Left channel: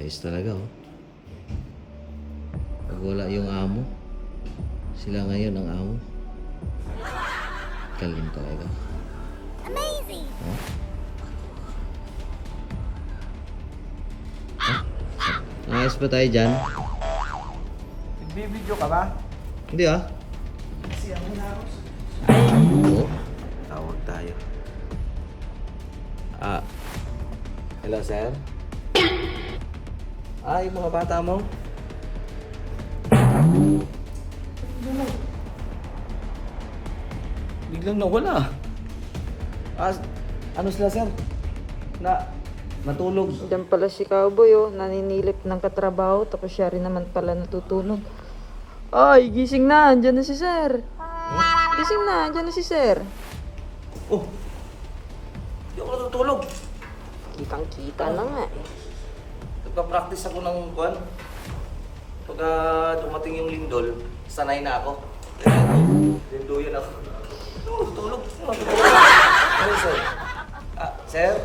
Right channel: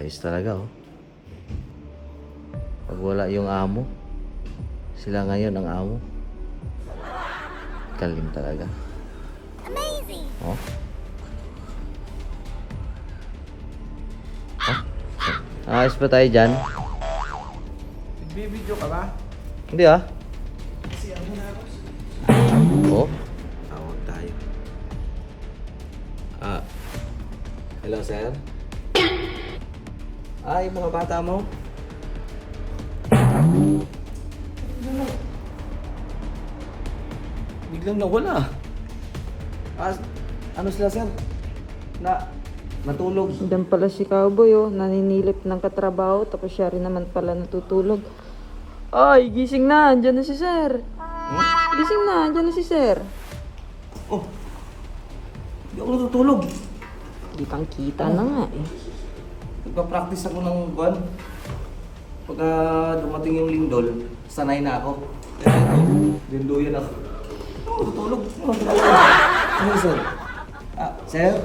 Ayos talaga oh. Pag wala yung amo, sila ngayon ang amo. Galing talaga. Amazing! Oh? Ayos pa tayo dyan? Nagbibideo ka ba? Hindi ah. Kasi ako na ako. Oo. Tawag tayo. Hello sir? Yung mga bata mo? Biglang nawala. Ano sila sir? Natulog. Hanggang pa kasi cowboy, naninilip ng katrabaho, tapos siya rin naman pala natutulog. Ay, gising na, andyan na si sir. Gising na, andyan na si sir. Oh! Hindi ako natutulog. Ano? Nagpa-practice ako ng buwan. Pagka dumating yung lindol, sanay na ako. Linduyan ako. Tutulog. Ano sir? Sir?